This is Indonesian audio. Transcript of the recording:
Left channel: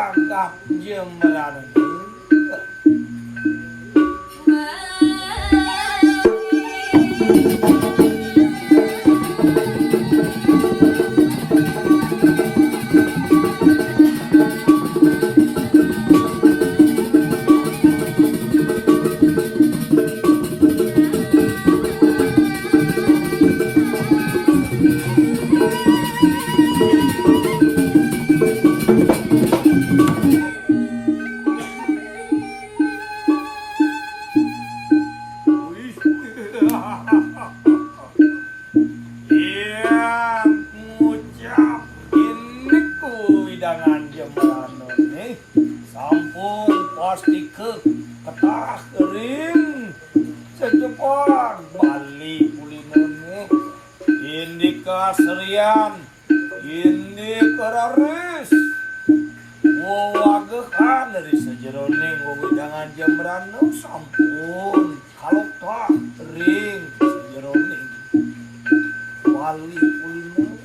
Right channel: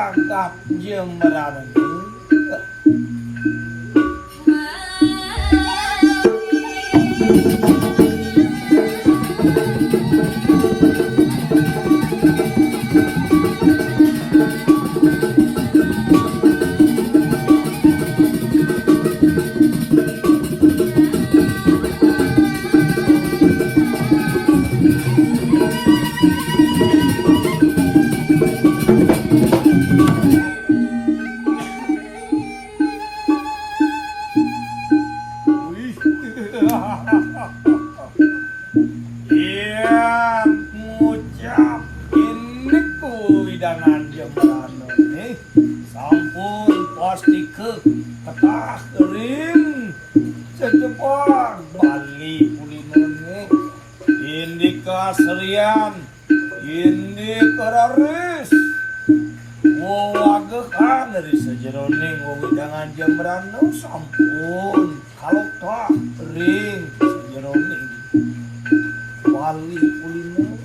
jagat jembaran iya ngucap ini ku widangan jembaran nih sampun pasti ke ketah kering secepat Bali kulinone indika serian indika raris wagekan dari sejeroning widangan jembaran sampun kalau tak ring sejeroning Bali kuliner